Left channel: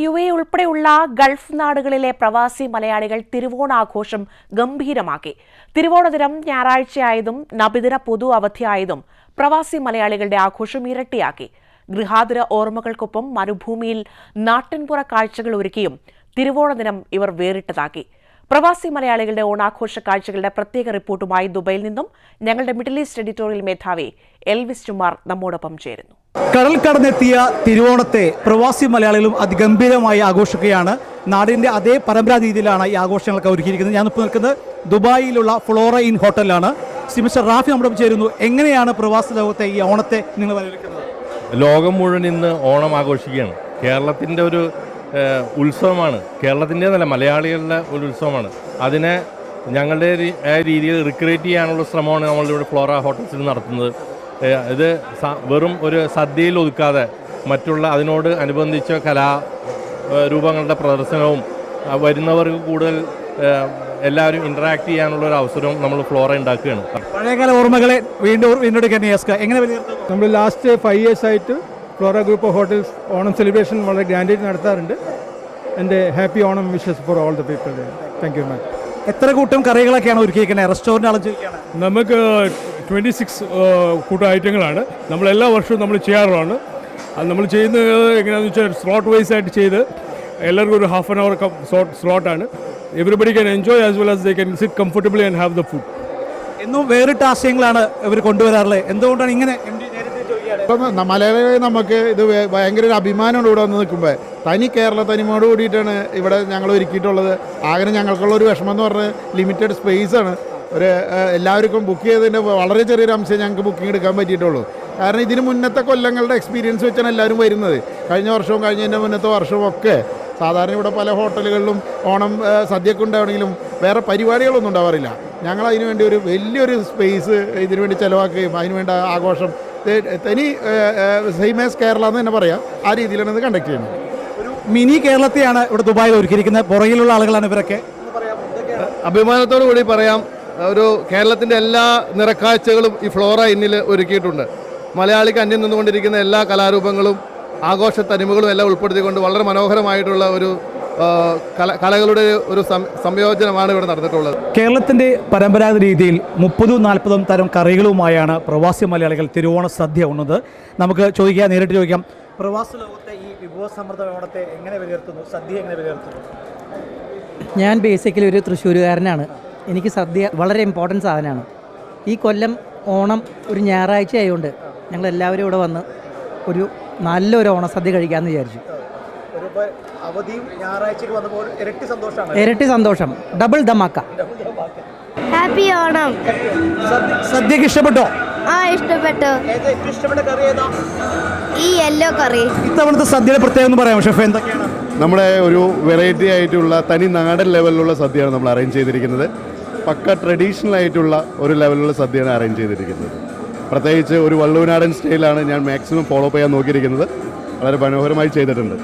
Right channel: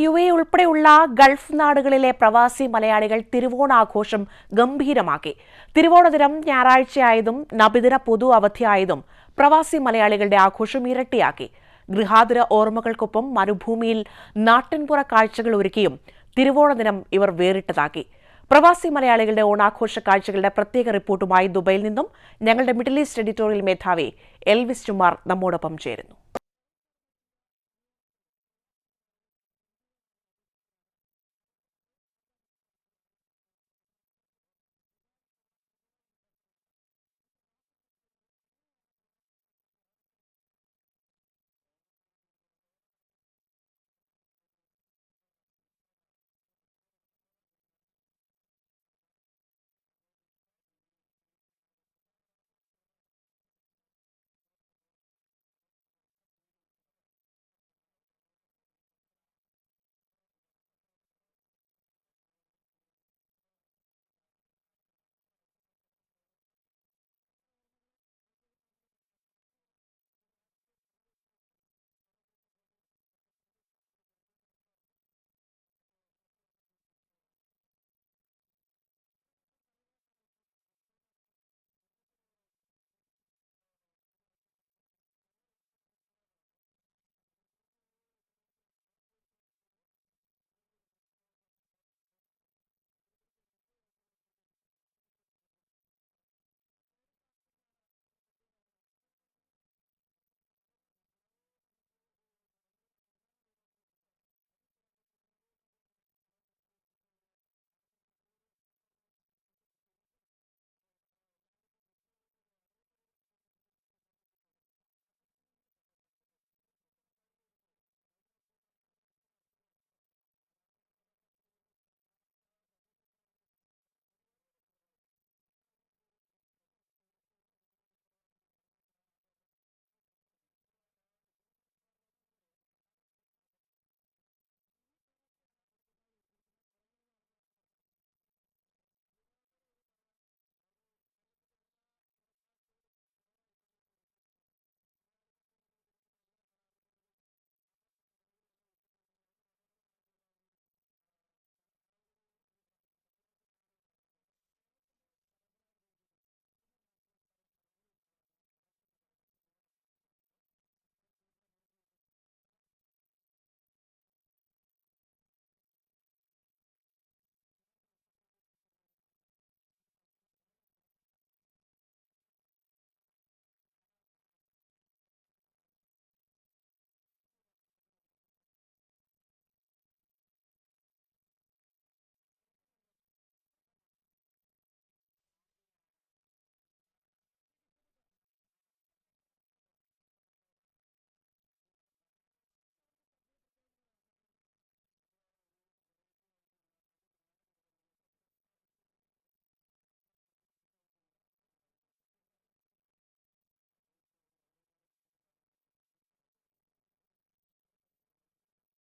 U A ഉൾപ്പെടെയുള്ള Gulf നാടുകളിലെ പ്രവാസി മലയാളികൾ തിരുവോണാഘോഷം ഗംഭീരമാക്കി. തിരുവോണ ദിനം ഞായറാഴ്ചയായതും നബിദിന പൊതു അവധിയായതും പ്രവാസി മലയാളികളുടെ ആഘോഷം ഇരട്ടിയാക്കി. ഗൃഹാതുര ഓർമ്മകൾക്കൊപ്പം മരുഭൂമിയിൽ നാട്ടിൻപുറ കാഴ്ചകൾ ഒരുക്കിയും തിരുവോണ ദിനം ഇവർ വേറിട്ടതാക്കി. പ്രവാസി മലയാളികളുടെ ഓണാഘോഷ കാഴ്ചകളുടെ പ്രത്യേക റിപ്പോർട്ടുമായി ദുബൈയിൽ നിന്നും ഞങ്ങളുടെ മിഡിൽ ഈസ്റ്റ് എഡിറ്റോറിയൽ മേധാവി എൽവിസ് ചുമാർ നമ്മോടൊപ്പം ചേരുന്നു. കടൽ കടന്നെത്തിയ തിരുവോണത്തെ പ്രവാസി മലയാളികളും അതിഗംഭീരമായി ആഘോഷിക്കുകയാണ്. നാടിന്റെ അതേ പരമ്പരാ രീതിയിലാണ് ഈ ആഘോഷങ്ങളൊക്കെ ഒരുക്കിയിരിക്കുന്നത്. ഞാനിപ്പോൾ നിൽക്കുന്നത് ദുബായിലുള്ള ഫ്ലോറ ഇൻ ഹോട്ടലിലാണ്. സിമിസ്റ്റർ മിസ്റ്റർ റാഫി നമ്മുടെ ചേരുന്നു. എങ്ങനെയാണ് പ്രവാസി ലോകത്തെ ഈ ഓണത്തെ നിങ്ങൾ വരവേൽക്കുന്നത്? ലോകം മുഴുവൻ ഇന്ന് ഓണം ആഘോഷിക്കുകയാണ്. കേരളത്തിന്റെ ഒരു ഉത്സവമാണ്. കേരളത്തിന്റെ നല്ല മലയാളികളുടെ ഒരു ഉത്സവമാണ്. അതിനെ ഞങ്ങളുടെ രീതിയിൽ റിക്രിയേറ്റ് ചെയ്യാനുള്ള ശ്രമമാണ് നമ്മളിവിടെ ഫ്ലോറ ഹോട്ടൽസിൽ നടത്തുന്നത്. ഇത് വെറും ഒരു സദ്യയിൽ ഒതുക്കാതെ മറ്റുള്ള അതിനോട് അനുബന്ധിച്ച കലാ രൂപങ്ങളുടെ പ്രദർശനവും വരുന്നവർക്ക് കൂടുതൽ എല്ലാവരും ഇന്ററാക്ട് ചെയ്യാനുള്ള ഒരു അവസരവും നമ്മൾ ഫ്ലോറ ഉണ്ടാക്കുകയാണ്. പഴയകാല ഓർമ്മകളെ വീണ്ടും വീണ്ടെടുക്കാൻ എങ്ങനെ നമ്മൾ ലാസ്റ്റ് ഫൈവ് ഇയേഴ്സ് ആയിട്ട് Flora group of hotels Onam celebration വളരെ ഗ്രാൻഡായിട്ട് നടത്താറുണ്ട്. എന്റെ happy Onam wishes for all the people thank you much എത്ര കൂട്ടം കറികളൊക്കെയാണ് ഒരുക്കിയിരിക്കുന്നത് റെസ്റ്റോറന്റ് ആളും നമുക്ക് ട്വന്റി സിക്സ് കൂട്ടം ഐറ്റങ്ങളാണ്. നമ്മൾ എല്ലാ വർഷവും നമ്മൾ ചെയ്യാറുള്ളതാണ്. അത് നമ്മൾ ചെയ്യുന്നത് എങ്ങനെയാണെന്ന് വെച്ചാൽ സ്ലോട്ട് വൈസ് ആയിട്ട് ചെയ്ത് എല്ലാവർക്കും ഒരു half an hour സ്ലോട്ടാണ് everybody can enjoy as well as they can sit comfortably and have the food എന്നും വേറിട്ട ആശയങ്ങളാണ് ഇവർ കൊണ്ടുവരാറുള്ളത്. എന്തുകൊണ്ടാണ് ഇങ്ങനെ എം മലയാളികളെ നമുക്ക് ഇത് ഭയങ്കര ഒരു അഭിമാനമാണ് ഇവിടെ വന്ന് നിൽക്കുമ്പോൾ തനി കേരള തനിമയോട് കൂടിയിട്ടാണ് ഇവിടെ ഞങ്ങൾ ഒരുക്കിയിട്ടുള്ളത്. ആകെ ഞങ്ങൾക്കുള്ള ഒരു വിഷമം എന്ന് പറഞ്ഞാൽ ലിമിറ്റഡ് സ്പേസ് ആണ്. ഒരു എല്ലാവർക്കും ബുക്ക് ചെയ്തതിന്റെ വളരെ ചെറിയൊരു അംശം ഞങ്ങൾക്ക് ബുക്കിംഗ് എടുക്കാൻ പറ്റിയിട്ടുള്ളൂ. കാരണം ഇതിന് മുന്നത്തെ കൊല്ലങ്ങളുടെ എക്സ്പീരിയൻസ് വെച്ചാണ് എല്ലാവരും വരുന്നത്. കഴിഞ്ഞ വർഷവും കഴിഞ്ഞതിന്റെ മുന്നത്തെ വർഷവും ഒക്കെ സാധാരണ ഇവിടെ പല ഹോട്ടലുകളിലും ഓണം സദ്യക്കുണ്ടാവണമെങ്കിലും വേറെ പരിപാടികളൊന്നും ഉണ്ടാവാറില്ല. ഞങ്ങൾ അതിനുവേണ്ടി ഒരു വലിയൊരു സ്പേസ് ഇതിനുവേണ്ടി ചിലവാക്കുകയും അതിനുവേണ്ട ആഘോഷം തനി സെയിം ആസ് കേരള എന്ന് തന്നെ പറയാം. ആ രീതിയിലാണ് ഇത് കണ്ടക്ട് ചെയ്യുന്നത്. ഒരു മിനി കേരളത്തെയാണ് ഇവിടെ ദുബായിൽ ഒരുക്കിയിരിക്കുന്നത്. പുറകിലുള്ള ആളുകളാണ് ഇവരൊക്കെ. അഭിമാനത്തോടു കൂടി പറയാം ഒരു കേരളത്തിന്റെ എല്ലാ നിറക്കാഴ്ചകളും ഈ ഫ്ലോറ ഇന്നിൽ ഒരുക്കിയിട്ടുണ്ട്. മലയാളിക്ക് അന്യം നിന്നുകൊണ്ടിരിക്കുന്ന എല്ലാ കലാരൂപങ്ങളും ആഘോഷ തനിമകളും എല്ലാം ഉൾപ്പെടുത്തിക്കൊണ്ട് വളരെ മനോഹരമായിട്ടുള്ള ഒരു കല കലകളുടെ ഒരു സംയോജനമാണ് ഇവിടെ നടന്നിട്ടുള്ളത്. കേരളത്തിന്റെ പരമ്പരാഗത രീതിയിൽ മുപ്പതും നാൽപ്പതും തരം കറികളുമായാണ് പ്രവാസി മലയാളികൾ തിരുവോണ സദ്യ ഉണ്ണത് നമുക്ക് ചോദിക്കാം നേരിട്ട് ചോദിക്കാം. പ്രവാസി ലോകത്തെ ഈ വിഭവസമൃദ്ധ ഓണത്തെ എങ്ങനെ വിലയിരുത്തുന്നു? സദ്യ എങ്ങനെ വിലയിരുത്തുന്നു? ഞാൻ ബേസിക്കലി ഒരു തൃശ്ശൂരുകാരനാണ്. എനിക്ക് സദ്യ വളരെ ഇമ്പോർട്ടന്റ് സാധനമാണ്. ഈ കൊല്ലം ഓണം ഒരു ഞായറാഴ്ച ആയതുകൊണ്ട് ഞങ്ങൾ എല്ലാവരും ഇവിടെ വന്ന് ഒരു നല്ലൊരു ഓണസദ്യ കഴിക്കാമെന്ന് വിചാരിച്ചു. അവധിയും ഞായറാഴ്ച വന്നപ്പോൾ ഇരട്ടി സന്തോഷമാണ്. ഇരട്ടി സന്തോഷം. ഡബിൾ ധമാക്ക. ഹാപ്പി ഓണം സദ്യക്ക് ഇഷ്ടപ്പെട്ടോ? ആ ഇഷ്ടപ്പെട്ടു. ഇഷ്ടപ്പെട്ട കറി ഏതാ? ഈ യെല്ലോ കറി. ഇത്തവണത്തെ സദ്യയുടെ പ്രത്യേകം എന്ന് പറയാം ഷെഫ്? എന്തൊക്കെയാണ്? നമ്മുടെ ഒരു വെറൈറ്റി ആയിട്ടുള്ള തനി നാടൻ ലെവലിലുള്ള സദ്യയാണ് നമ്മൾ അറേഞ്ച് ചെയ്തിരിക്കുന്നത്. പക്ക ട്രഡീഷണൽ ആയിട്ടുള്ള ഒരു ലെവലിലുള്ള സദ്യയാണ് അറേഞ്ച് ചെയ്തിരിക്കുന്നത്. പ്രത്യേകിച്ച് ഒരു വള്ളുവനാടൻ സ്റ്റൈലാണ് ഞാൻ മാക്സിമം ഫോളോ ചെയ്യാൻ നോക്കിയിരിക്കുന്നത്. വളരെ മനോഹരമായി ചെയ്തിട്ടുണ്ട്.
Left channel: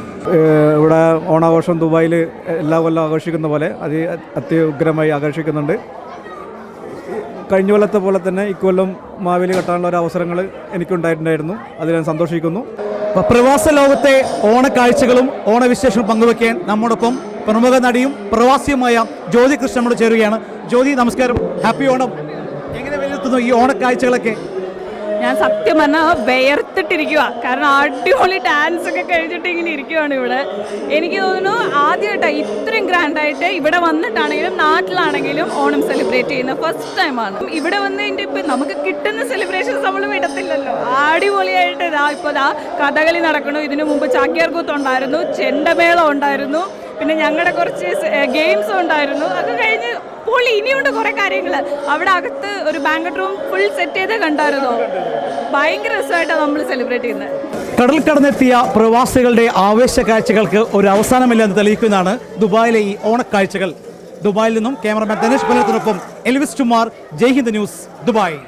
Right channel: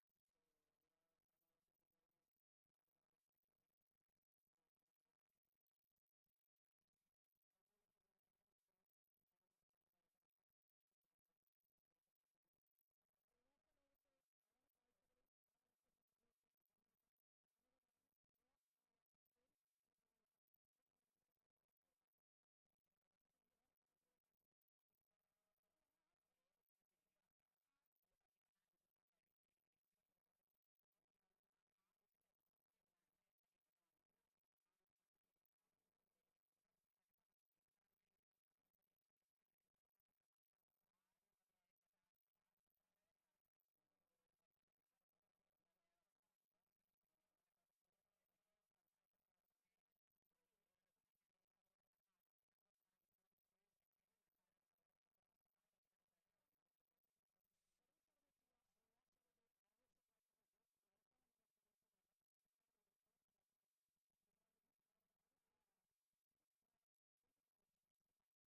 ഇവിടെ ഓണാഘോഷം ദുബായിൽ എല്ലാ കൊല്ലം ആഘോഷിക്കുന്ന പോലെ അതി അത്യുഗ്രമായി ആഘോഷിക്കുന്നുണ്ട്. കഴിഞ്ഞ കൊല്ലത്തെ പോലെ തന്നെ ഇക്കൊല്ലം മാവേലി കെട്ടാനുള്ള ഒരു അവസരങ്ങൾ എനിക്കുണ്ടായിട്ടുണ്ടായിരുന്നു. അതിൽ ഞാൻ സന്തോഷിക്കുന്നു. പ്രവാസ ലോകത്തെ ഓണക്കാഴ്ചകളും ഓണവിശേഷവും പങ്കുവെക്കാൻ നമ്മോടൊപ്പം പ്രമുഖ നടിയും പ്രവാസിയുമായ ജ്യോതി കൃഷ്ണനോട് ചേരുകയാണ്. ജ്യോതി നമസ്കാരം. ഹാപ്പി ഓണം. എങ്ങനെ വിലയിരുത്തുന്നു ഈ ഓണക്കാഴ്ചകളൊക്കെ? ഞാൻ സത്യം പറഞ്ഞാൽ വേർത്തിട്ടിരിക്കുക കാരണം അടിപൊളി ഡാൻസ് ഒക്കെ കഴിഞ്ഞിട്ട് ഇങ്ങനെ ഇരിക്കുവാണ് ഇവിടെ. എനിക്ക് തോന്നുന്നു ആദ്യമായിട്ടാണ് ഇത്രയും ഗ്രാൻഡായിട്ട് ഇവിടെ വന്നിട്ടാണെങ്കിലും നാട്ടിലാണെങ്കിലും ഓണം സെലിബ്രേറ്റ് ചെയ്യുന്ന ഫസ്റ്റ് ടൈമാണ് ഇവിടെ വന്നതിന്റെ ഇപ്പം നമുക്ക് കിട്ടുന്ന സെലിബ്രേഷൻസ് നമ്മൾ വിടത്തില്ലല്ലോ. അടിപൊളിയായിട്ട് ഇതാ ഇപ്പോൾ ഇതാ കഥകളി നടക്കണു ഇതിനു മുമ്പ് ചാക്യാർകൂത്ത് ഉണ്ടായിരുന്നു ചെണ്ടമേളം ഉണ്ടായിരുന്നു പിന്നെ ഞങ്ങളുടെ കുറച്ച് ഗെയിംസ് ഉണ്ടായിരുന്നു. അത് കഴിഞ്ഞ് പൊളി ഇനിയുണ്ട് കുറെ കാര്യങ്ങൾ അവിടെ അകത്ത് ഒരു ബാങ്കറ്റ് റൂം ഫുൾ സെറ്റ് ചെയ്ത് കണ്ടായിരുന്നോ? ഭയങ്കര രസമായിട്ടാണ് നമ്മൾ സെലിബ്രേറ്റ് ചെയ്യുന്നത് കടൽ കടന്നെത്തിയ പ്രവാസികളുടെ ആവേശ കാഴ്ചകൾക്ക് ഒരു അവസാനമില്ല എന്ന് തെളിയിക്കുന്നതാണ് ദുബായിലെ ഈ ഓണക്കാഴ്ചകൾ. ദുബായിൽ നിന്നും cameraman Dinesh പുലത്തിനൊപ്പം Elvis Kumar Jaihind news Dubai.